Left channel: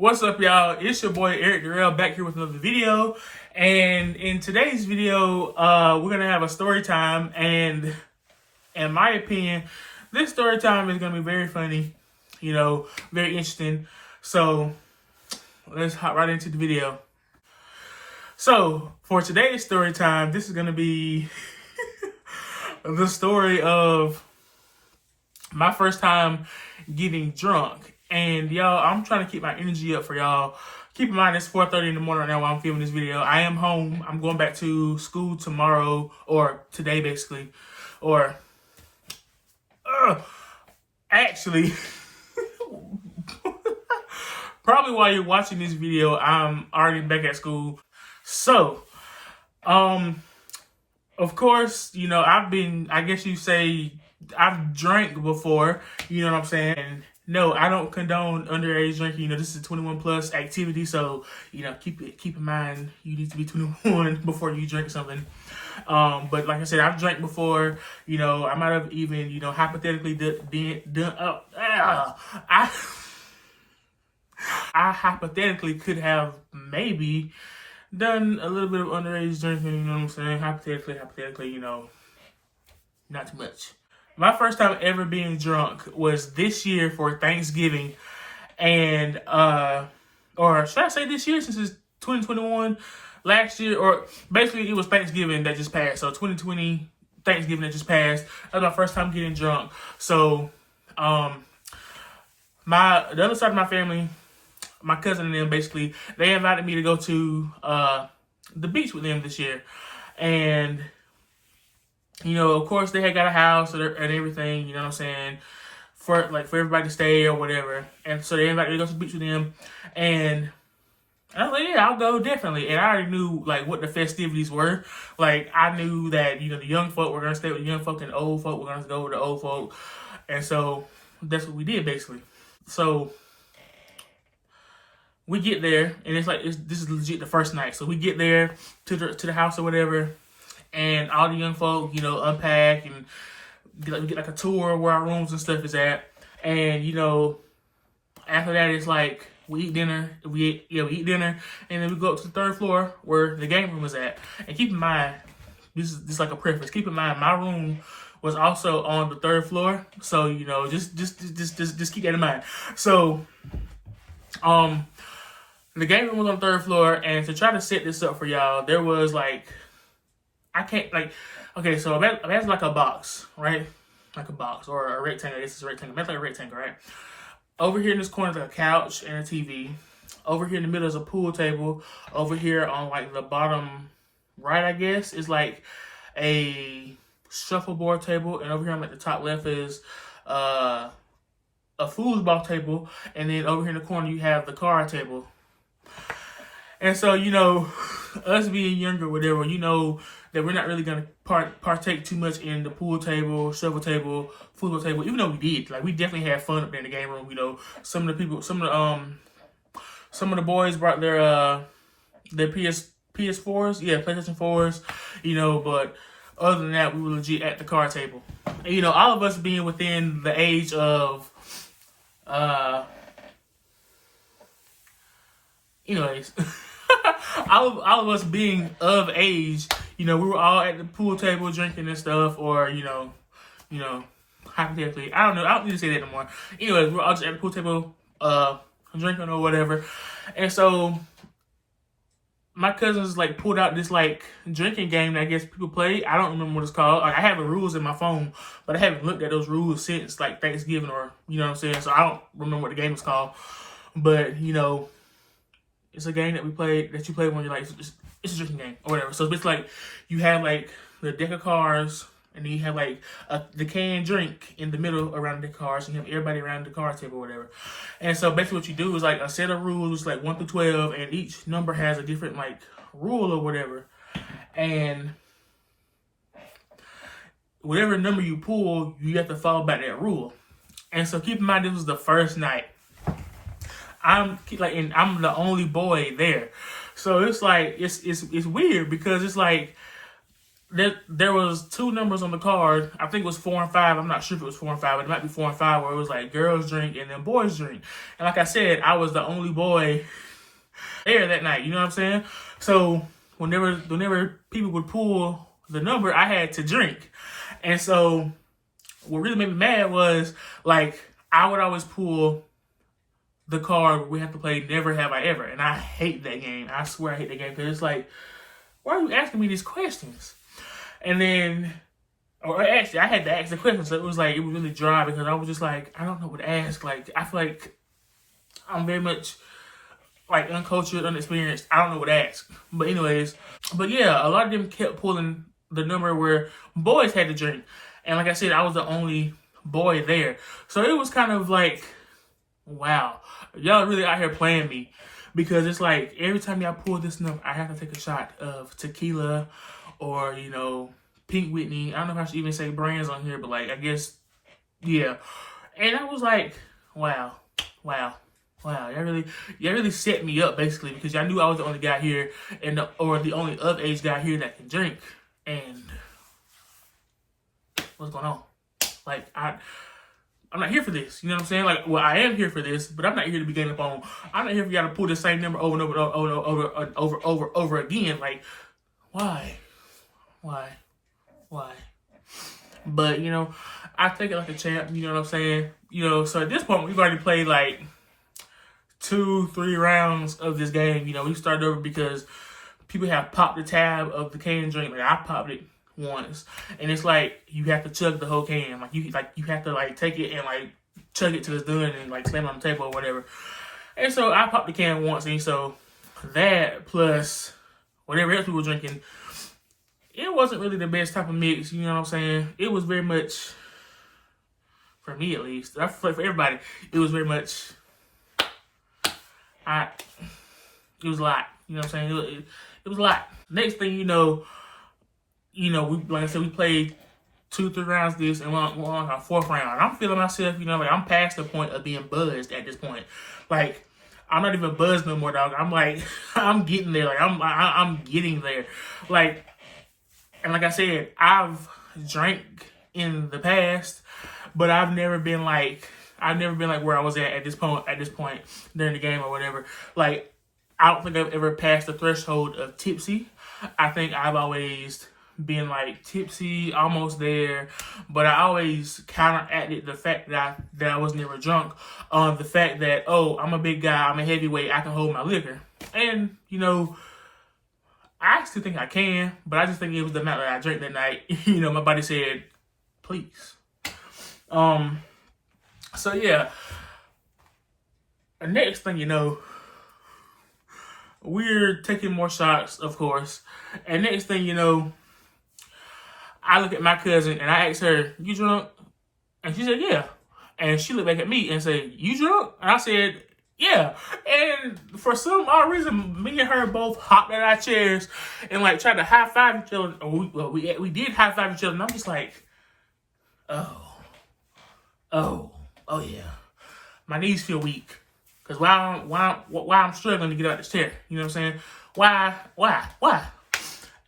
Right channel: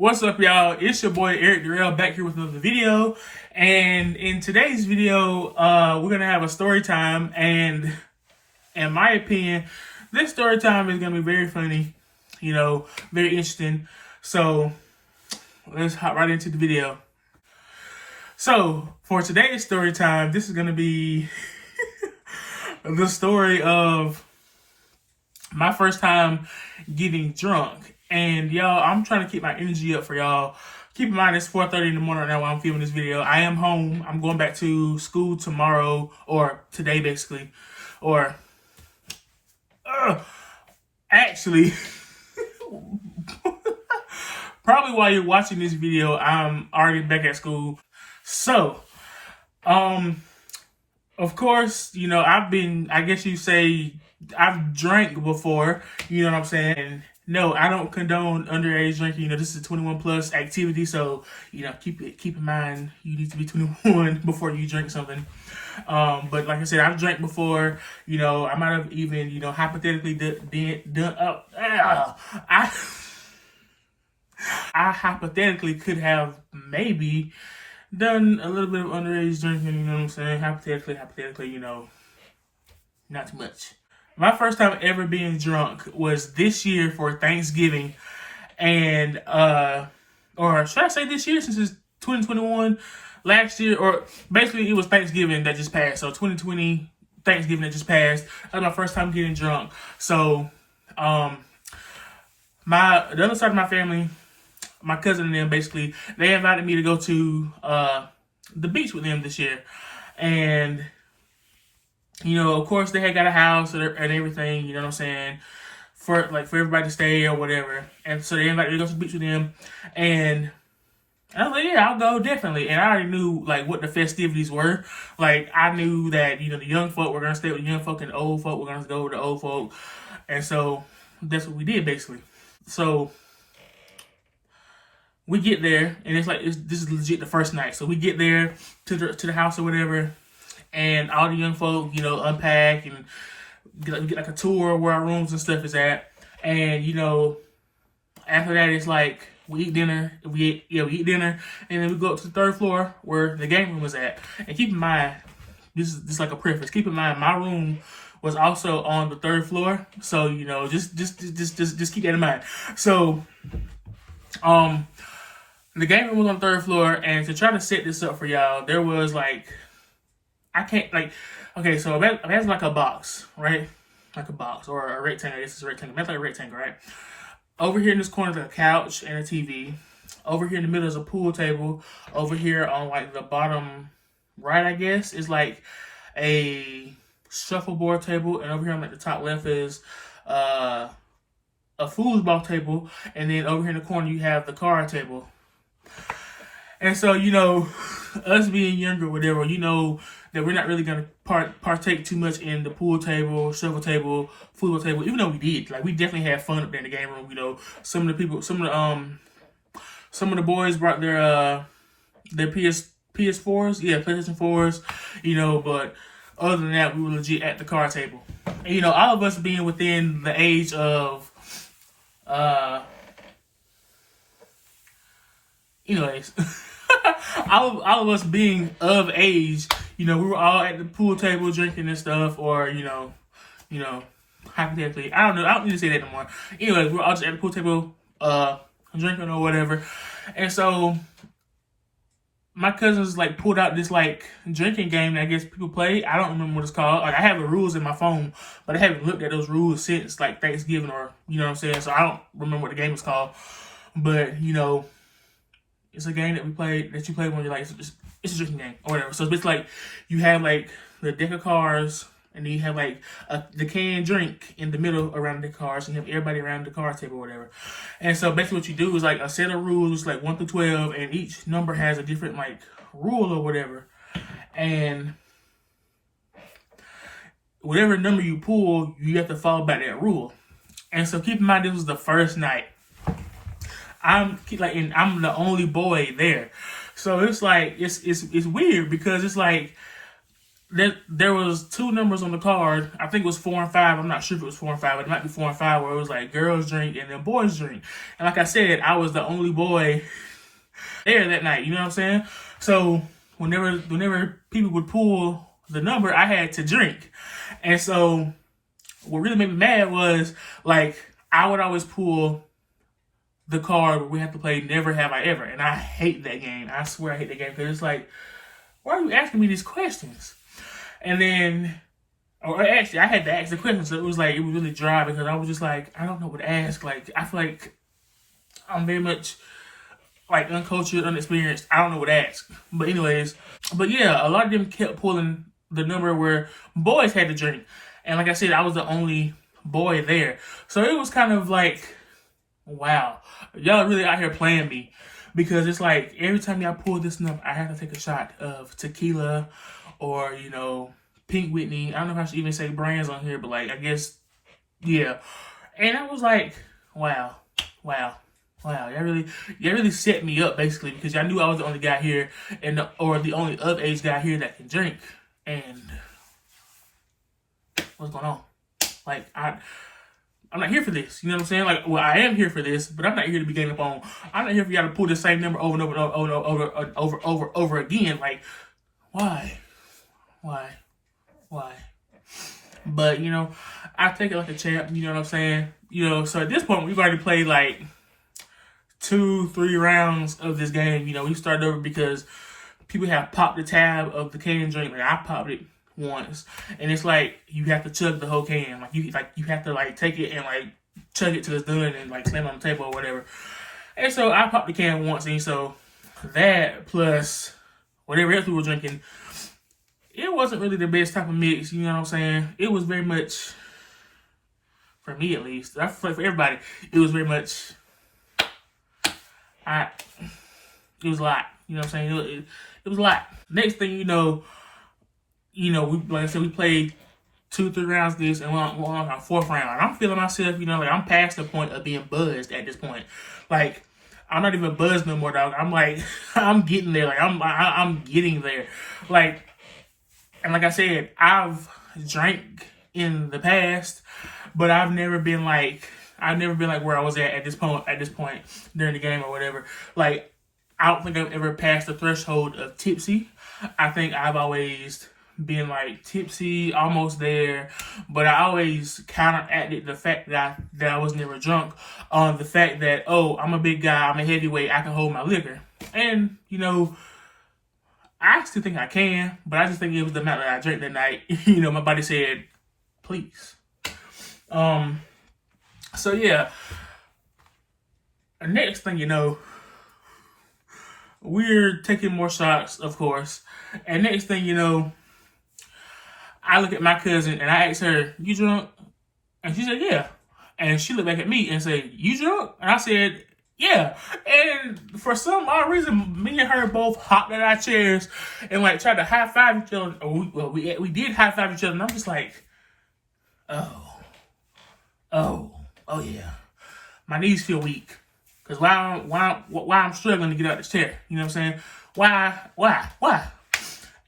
What's up, y'all? It's your boy Eric Darrell back here with another video. And in today's video, we're gonna have a story time. And in my opinion, this story time is gonna be very funny, very interesting. So let's hop right into the video. So for today's story time, this is gonna be the story of my first time getting drunk. And y'all, I'm trying to keep my energy up for y'all. Keep in mind, it's 4:30 in the morning right now while I'm filming this video. I am home. I'm going back to school tomorrow, or today basically. Or, actually, probably while you're watching this video, I'm already back at school. So, of course, I guess you say I've drank before, you know what I'm saying? And no, I don't condone underage drinking. This is a 21 plus activity, so keep in mind you need to be 21 before you drink something. But like I said, I've drank before. I might have even hypothetically I hypothetically could have maybe done a little bit of underage drinking. You know what I'm saying? Hypothetically, not too much. My first time ever being drunk was this year for Thanksgiving. And, or should I say this year since it's 2021? Last year, or basically it was Thanksgiving that just passed. So 2020 Thanksgiving that just passed. That was my first time getting drunk. So, the other side of my family, my cousin and them, basically, they invited me to go to, the beach with them this year. And of course, they had got a house and everything, you know what I'm saying, for everybody to stay or whatever. And so they invited me to go to the beach with them. And I was like, yeah, I'll go, definitely. And I already knew, what the festivities were. I knew that, the young folk were going to stay with the young folk and the old folk were going to go with the old folk. And so that's what we did, basically. So we get there, and this is legit the first night. So we get there to the house or whatever. And all the young folk, unpack and get a tour where our rooms and stuff is at. And, after that, it's we eat dinner. We eat dinner. And then we go up to the third floor where the game room was at. And keep in mind, this is like a preface. Keep in mind, my room was also on the third floor. So, just keep that in mind. So, the game room was on the third floor. And to try to set this up for y'all, there was okay, so imagine like a box, right? Like a box or a rectangle. I guess it's a rectangle. Imagine like a rectangle, right? Over here in this corner is a couch and a TV. Over here in the middle is a pool table. Over here on the bottom right, I guess, is a shuffleboard table. And over here on the top left is a foosball table. And then over here in the corner you have the card table. And so, us being younger, whatever, that we're not really going to partake too much in the pool table, shovel table, football table, even though we did. We definitely had fun up there in the game room, Some of the boys brought their PS4s, PlayStation 4s, but other than that, we were legit at the card table. And, all of us being within the age of, anyways, all of us being of age, we were all at the pool table drinking and stuff, or, hypothetically, I don't know, I don't need to say that anymore. Anyways, we were all just at the pool table, drinking or whatever. And so, my cousins, pulled out this, drinking game that I guess people play. I don't remember what it's called. I have the rules in my phone, but I haven't looked at those rules since, Thanksgiving or, you know what I'm saying? So, I don't remember what the game is called. But, it's a game that you play when you're it's a drinking game or whatever. So it's basically you have the deck of cards, and then you have the canned drink in the middle around the cards, and you have everybody around the card table or whatever. And so basically what you do is a set of rules 1 through 12, and each number has a different rule or whatever. And whatever number you pull, you have to follow by that rule. And so keep in mind, this was the first night. I'm the only boy there. So it's it's weird because it's there was two numbers on the card. I think it was 4 and 5. I'm not sure if it was 4 and 5, but it might be 4 and 5, where it was like girls drink and then boys drink. And like I said, I was the only boy there that night. You know what I'm saying? So whenever people would pull the number, I had to drink. And so what really made me mad was, like, I would always pull the card where we have to play Never Have I Ever. And I hate that game. I swear I hate that game, because it's like, why are you asking me these questions? And then, or actually, I had to ask the question, so it was really dry, because I was just like, I don't know what to ask. Like, I feel like I'm very much like uncultured, unexperienced. I don't know what to ask. But anyways, yeah, a lot of them kept pulling the number where boys had to drink. And like I said, I was the only boy there. So it was kind of like, wow, y'all really out here playing me. Because it's like, every time y'all pull this number, I have to take a shot of tequila or, you know, Pink Whitney. I don't know if I should even say brands on here, but like, I guess, yeah. And I was like, wow. Y'all really set me up, basically, because y'all knew I was the only guy here, or the only of age guy here that can drink. And what's going on? Like, I'm not here for this. You know what I'm saying? Like, well, I am here for this, but I'm not here to be getting up on. I'm not here for y'all to pull the same number over and over again. Like, why? But, you know, I take it like a champ. You know what I'm saying? You know, so at this point, we've already played like 2-3 rounds of this game. You know, we started over because people have popped the tab of the can drink. Like, I popped it once, and it's like you have to chug the whole can. Like you have to like take it and like chug it till it's done and like slam it on the table or whatever. And so I popped the can once, and so that plus whatever else we were drinking, it wasn't really the best type of mix. You know what I'm saying? It was very much, for me at least, I feel like for everybody, it was very much. It was a lot. You know what I'm saying? It was a lot. Next thing you know, we, like I said, we played 2-3 rounds of this, and we're on our 4th round. And I'm feeling myself, you know, like I'm past the point of being buzzed at this point. Like, I'm not even buzzed no more, dog. I'm like, I'm getting there. Like, I'm getting there. Like, and like I said, I've drank in the past, but I've never been like where I was at this point during the game or whatever. Like, I don't think I've ever passed the threshold of tipsy. I think I've always been like tipsy, almost there, but I always counteracted the fact that I was never drunk on the fact that, oh, I'm a big guy, I'm a heavyweight, I can hold my liquor. And, you know, I still think I can, but I just think it was the amount that I drank that night. You know, my body said, please. So yeah, the next thing you know, we're taking more shots, of course. And next thing you know, I look at my cousin and I asked her, you drunk? And she said, yeah. And she looked back at me and said, you drunk? And I said, yeah. And for some odd reason, me and her both hopped at our chairs and like tried to high five each other. We did high five each other, and I'm just like, oh yeah. My knees feel weak. Because why I'm struggling to get out this chair. You know what I'm saying? Why?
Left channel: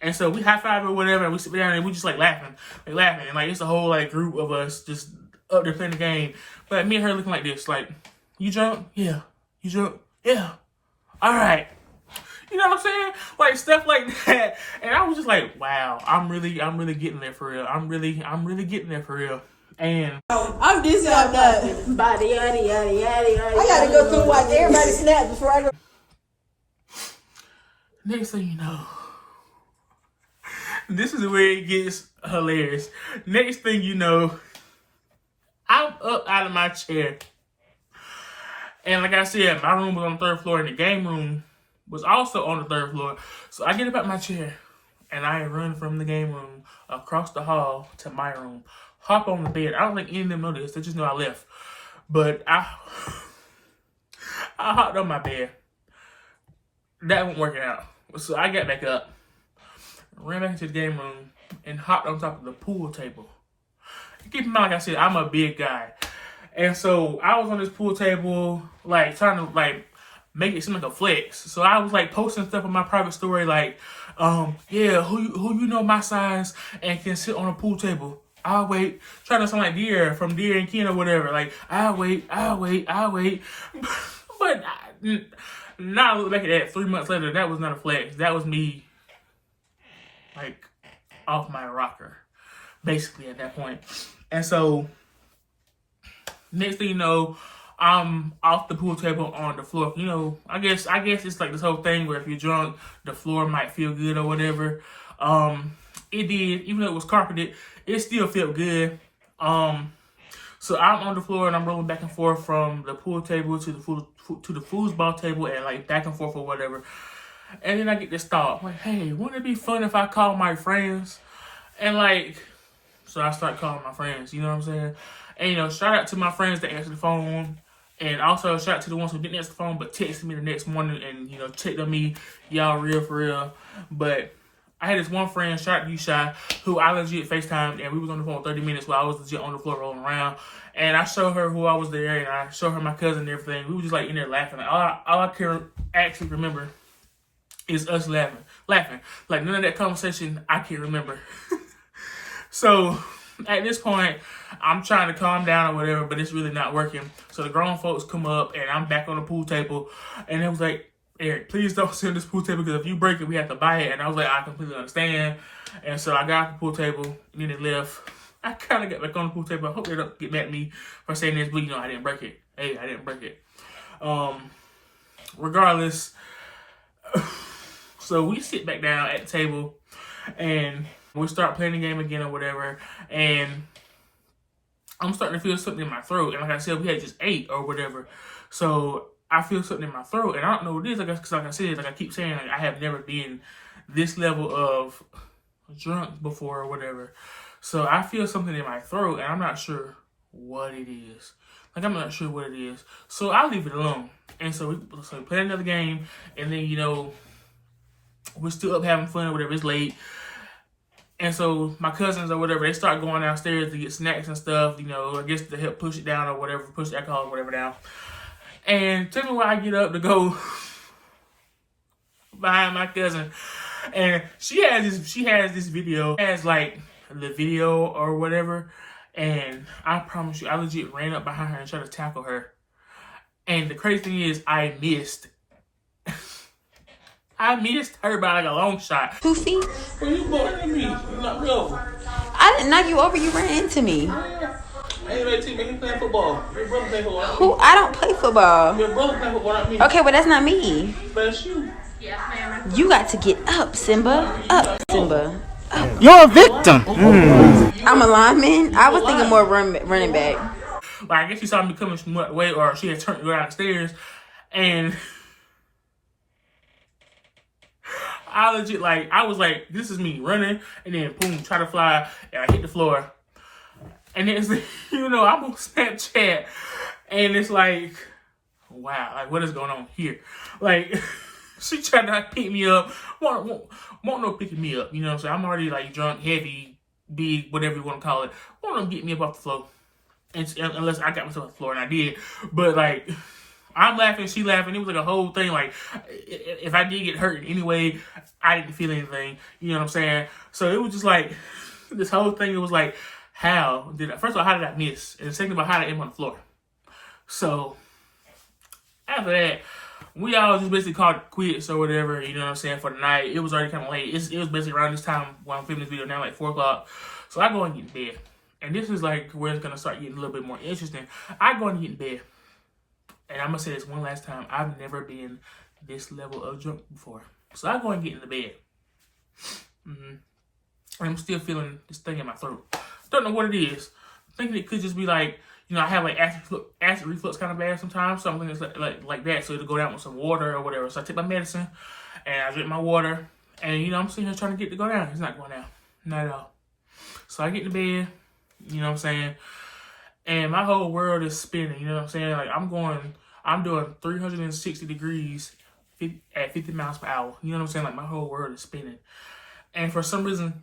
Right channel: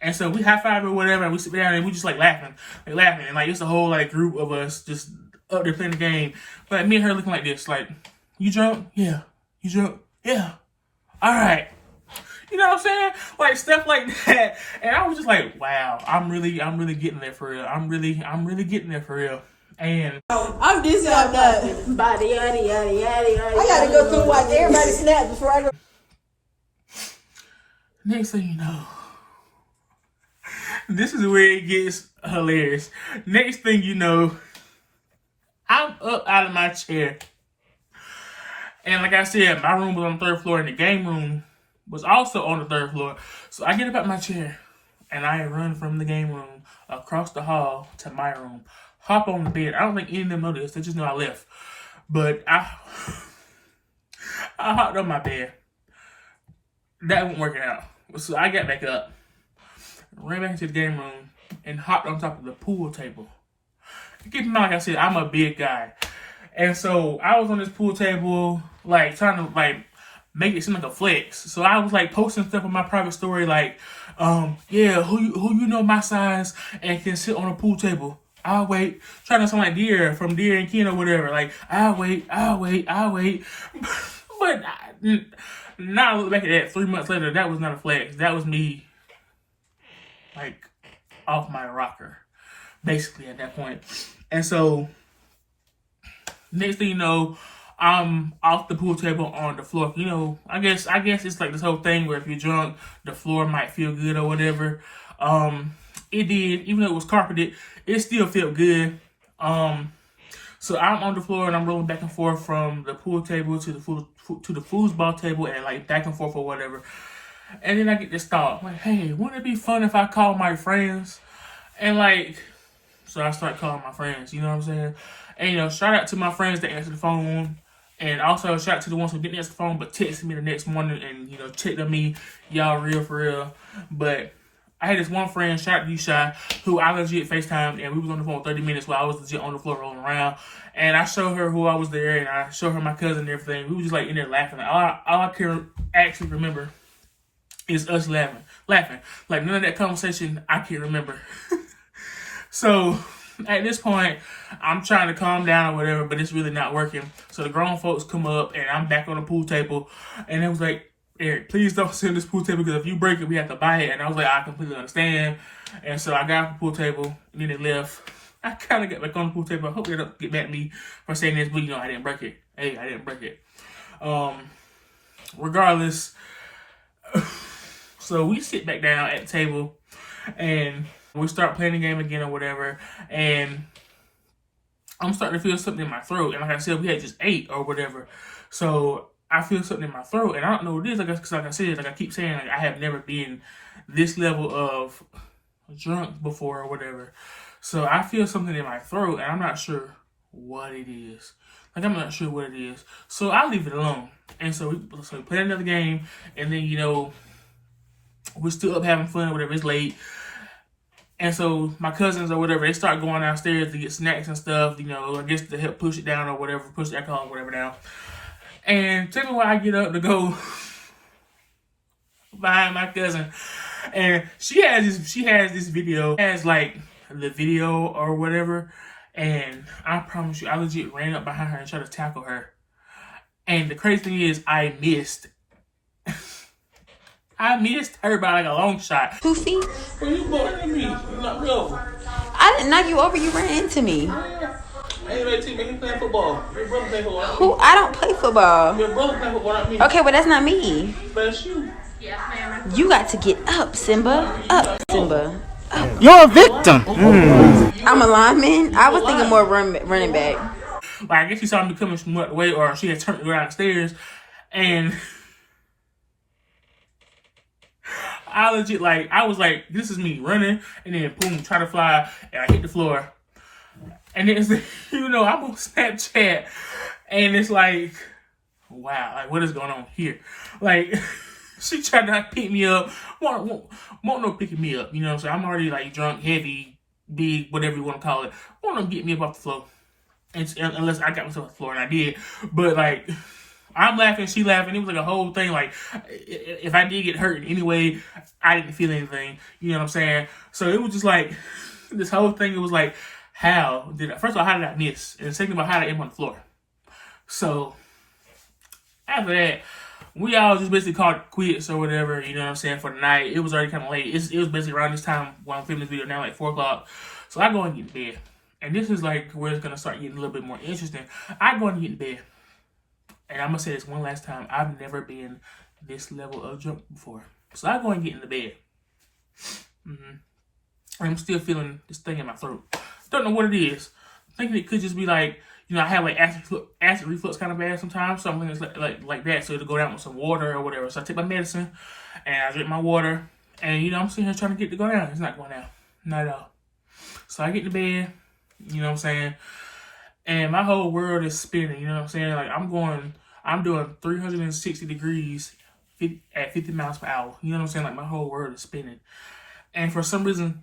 And so we high five or whatever, and we sit down and we just like laughing. And like it's a whole like group of us just up there playing the game. But me and her looking like this, like, you drunk? Yeah. You drunk? Yeah. All right. You know what I'm saying? Like stuff like that. And I was just like, wow, I'm really getting there for real. I'm really getting there for real. And I'm dizzy off that. Body, yada. I gotta go through watch everybody snap before I go. Next thing you know, this is where it gets hilarious. Next thing you know, I'm up out of my chair. And like I said, my room was on the 3rd floor and the game room was also on the 3rd floor. So I get up out my chair and I run from the game room across the hall to my room. Hop on the bed. I don't think any of them know this. They just know I left. But I hopped on my bed. That wasn't working out. So I got back up, ran back into the game room, and hopped on top of the pool table. Keep in mind, like I said, I'm a big guy. And so I was on this pool table, like trying to like, make it seem like a flex. So I was like posting stuff on my private story like, yeah, who you know my size and can sit on a pool table. I'll wait. Trying to sound like Deer from Deer and Ken or whatever. Like, I'll wait. But now I look back at that 3 months later, that was not a flex. That was me, like, off my rocker, basically, at that point. And so, next thing you know, I'm off the pool table on the floor. You know, I guess it's like this whole thing where if you're drunk, the floor might feel good or whatever. It did, even though it was carpeted, it still felt good. So I'm on the floor and I'm rolling back and forth from the pool table to the foosball table and like back and forth or whatever. And then I get this thought, like, hey, wouldn't it be fun if I call my friends? And like, so I start calling my friends, you know what I'm saying? And you know, shout out to my friends that answered the phone. And also shout out to the ones who didn't answer the phone but texted me the next morning and, you know, checked on me. Y'all real for real. But I had this one friend, shout out to you, Shy, who I legit FaceTimed, and we was on the phone 30 minutes while I was legit on the floor rolling around. And I showed her who I was there, and I showed her my cousin and everything. We were just like in there laughing. All I can actually remember is us laughing. Like none of that conversation I can remember. So at this point, I'm trying to calm down or whatever, but it's really not working. So the grown folks come up, and I'm back on the pool table, and it was like, Eric, please don't sit on this pool table because if you break it, we have to buy it. And I was like, I completely understand. And so I got off the pool table, and then it left. I kind of got back on the pool table. I hope they don't get mad at me for saying this, but you know, I didn't break it. Hey, I didn't break it. Regardless, so we sit back down at the table, and we start playing the game again or whatever. And I'm starting to feel something in my throat. And like I said, we had just ate or whatever. So I feel something in my throat, and I don't know what it is. Because like I said, like I keep saying, like I have never been this level of drunk before or whatever. So I feel something in my throat, and I'm not sure what it is. Like I'm not sure what it is. So I leave it alone. And so we play another game, and then you know we're still up having fun or whatever. It's late. And so my cousins or whatever, they start going downstairs to get snacks and stuff, you know, I guess to help push it down or whatever, push the alcohol or whatever down. And tell me why I get up to go behind my cousin, and she has this video, has like the video or whatever, and I promise you, I legit ran up behind her and tried to tackle her. And the crazy thing is, I missed. I missed her by like a long shot. 2 feet? Well, you bored me. Not real. I didn't knock you over. You ran into me. Anyway, team, he playing football. Your brother play football. Who? I don't play football. Your brother play football, not me. Okay, but that's not me. But it's you. You got to get up, Simba. Up, Simba. Up. You're a victim. I'm a lineman. I was thinking more running back. Like, I guess she saw me coming from the way, or she had turned to go downstairs, and I legit, like, I was like, this is me running, and then boom, try to fly, and I hit the floor. And then it's like, you know, I'm on Snapchat, and it's like, wow, like, what is going on here? Like, she tried to like, pick me up, won't no picking me up, you know what I'm saying? I'm already like drunk, heavy, big, whatever you want to call it. Won't no get me up off the floor, unless I got myself off the floor, and I did. But like, I'm laughing, she laughing. It was like a whole thing. Like, if I did get hurt in any way, I didn't feel anything. You know what I'm saying? So it was just like this whole thing. It was like, how did I miss? And second of all, how did I end on the floor? So after that, we all just basically called it quits or whatever. You know what I'm saying, for the night. It was already kind of late. It was basically around this time when I'm filming this video now, like 4 o'clock. So I go and get in bed, and this is like where it's gonna start getting a little bit more interesting. I go and get in bed. And I'm going to say this one last time. I've never been this level of drunk before. So I go and get in the bed. I'm still feeling this thing in my throat. Don't know what it is. Thinking it could just be like, you know, I have like acid reflux kind of bad sometimes. So I'm thinking it's like that. So it'll go down with some water or whatever. So I take my medicine and I drink my water. And, you know, I'm sitting here trying to get it to go down. It's not going down. Not at all. So I get in the bed. You know what I'm saying? And my whole world is spinning. You know what I'm saying? Like, I'm doing 360 degrees at 50 miles per hour. You know what I'm saying? Like, my whole world is spinning. And for some reason,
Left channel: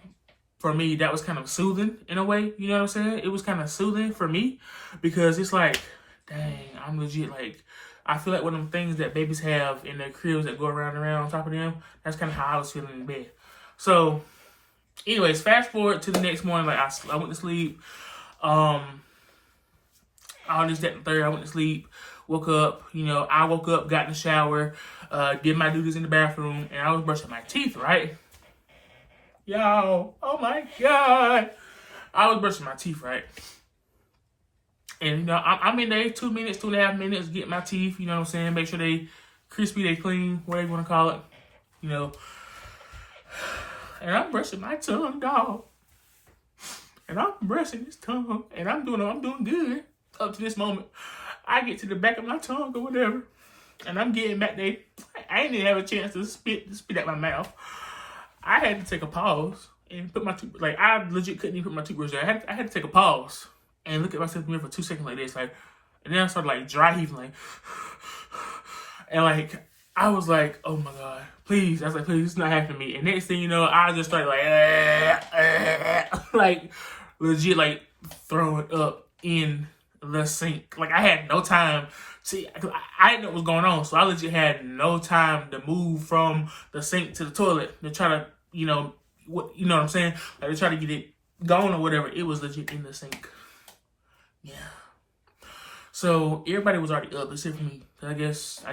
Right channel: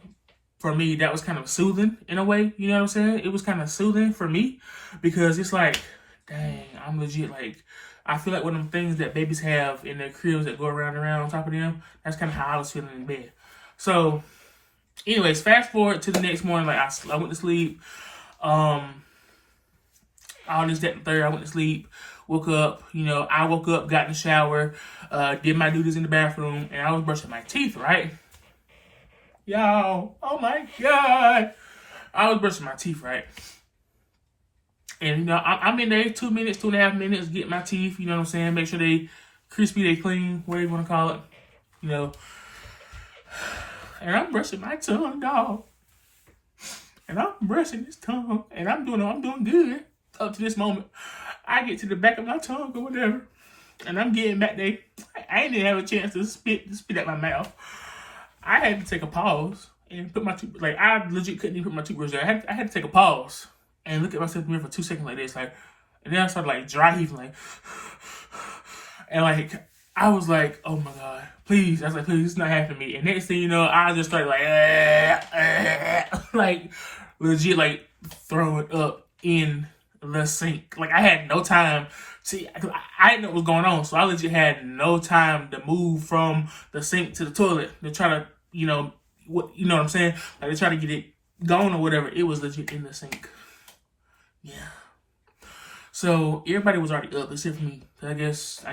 for me, that was kind of soothing in a way. You know what I'm saying? It was kind of soothing for me because it's like, dang, I'm legit like I feel like one of them things that babies have in their cribs that go around and around on top of them. That's kind of how I was feeling in bed. So, anyways, fast forward to the next morning. Like I went to sleep. All this, that, and third. I went to sleep. Woke up. I woke up, got in the shower, did my duties in the bathroom, and I was brushing my teeth. Right, y'all. Oh my God, I was brushing my teeth. Right. And, I'm in there 2 minutes, 2.5 minutes, getting my teeth, you know what I'm saying? Make sure they crispy, they clean, whatever you want to call it, And I'm brushing my tongue, dog. And I'm brushing this tongue, and I'm doing good up to this moment. I get to the back of my tongue or whatever, and I'm getting back there. I ain't even have a chance to spit out my mouth. I had to take a pause and put my tooth, like, I legit couldn't even put my toothbrush there. I had to take a pause and look at myself in the mirror for 2 seconds like this, like, and then I started like dry heaving, like, and like I was like, oh my God, please! I was like, please, this is not happening to me. And next thing you know, I just started like, like legit, like throwing up in the sink. Like I had no time. See, I didn't know what was going on, so I legit had no time to move from the sink to the toilet to try to, what I'm saying, like to try to get it going or whatever. It was legit in the sink. Yeah. So everybody was already up except for me. I guess I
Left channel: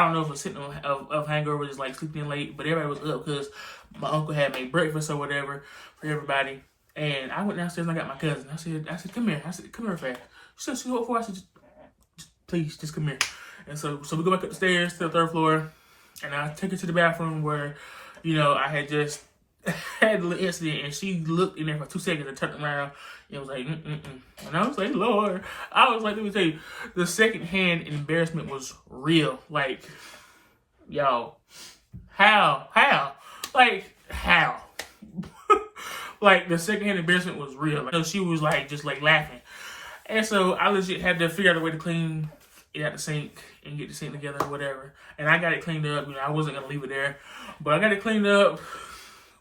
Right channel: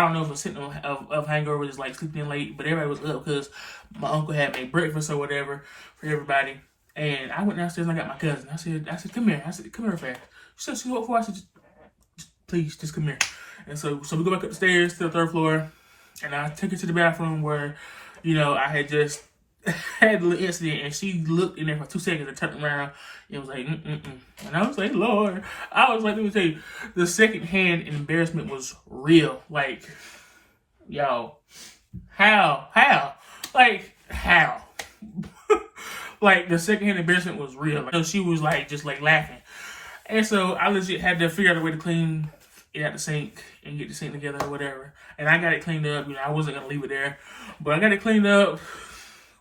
don't know if a symptom of hangover is like sleeping in late, but everybody was up because my uncle had made breakfast or whatever for everybody. And I went downstairs and I got my cousin. I said, come here. I said, come here fast. She said, what for? I said, please, just come here. And so we go back up the stairs to the 3rd floor, and I take her to the bathroom where, I had just had a little incident, and she looked in there for 2 seconds and turned around. It was like, And I was like, Lord. I was like, let me tell you, the secondhand embarrassment was real. Like, yo, how? Like, how? Like, the secondhand embarrassment was real. Like, she was like, just like laughing. And so I legit had to figure out a way to clean it out the sink and get the sink together or whatever. And I got it cleaned up. I wasn't going to leave it there, but I got it cleaned up.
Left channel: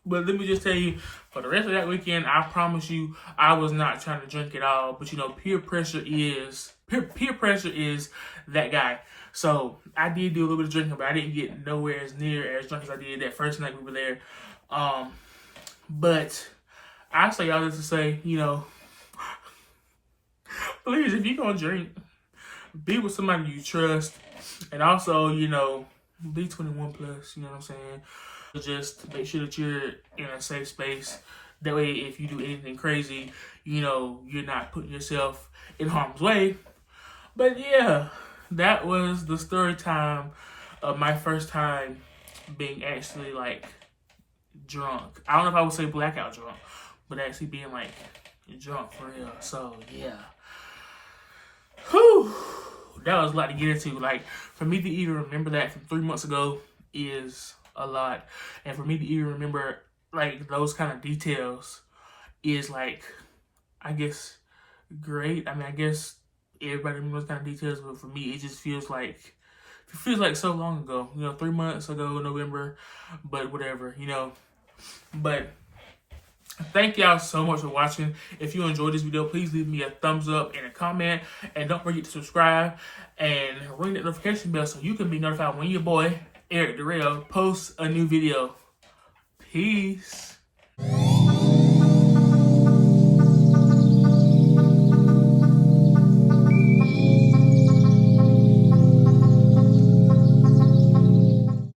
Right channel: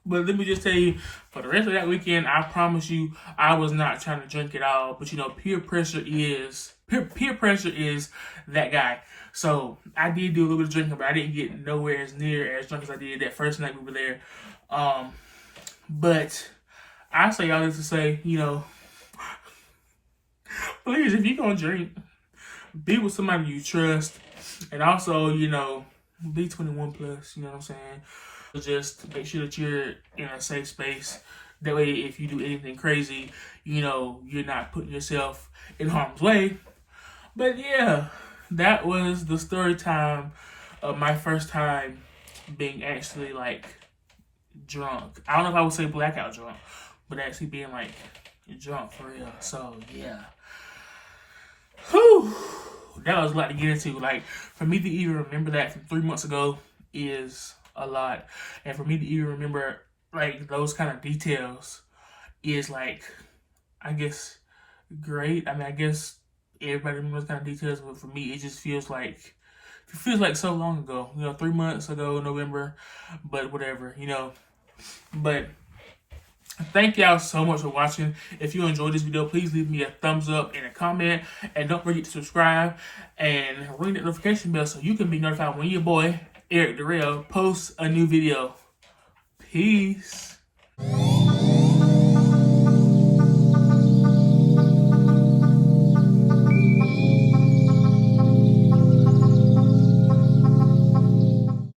But let me just tell you, for the rest of that weekend, I promise you, I was not trying to drink at all. But peer pressure is that guy. So I did do a little bit of drinking, but I didn't get nowhere as near as drunk as I did that first night we were there. But I say all this to say, please, if you're gonna drink, be with somebody you trust, and also, be 21 plus. You know what I'm saying? Just make sure that you're in a safe space. That way, if you do anything crazy, you're not putting yourself in harm's way. But yeah, that was the story time of my first time being actually like drunk. I don't know if I would say blackout drunk, but actually being like drunk for real. So yeah. Whew. That was a lot to get into. Like, for me to even remember that from 3 months ago is a lot. And for me to even remember, like, those kind of details is, like, I guess, great. I mean, I guess everybody remembers those kind of details, but for me, it just feels like so long ago. 3 months ago, November, but whatever, But thank y'all so much for watching. If you enjoyed this video, please leave me a thumbs up and a comment. And don't forget to subscribe and ring that notification bell so you can be notified when your boy, Darrell, posts a new video. Peace.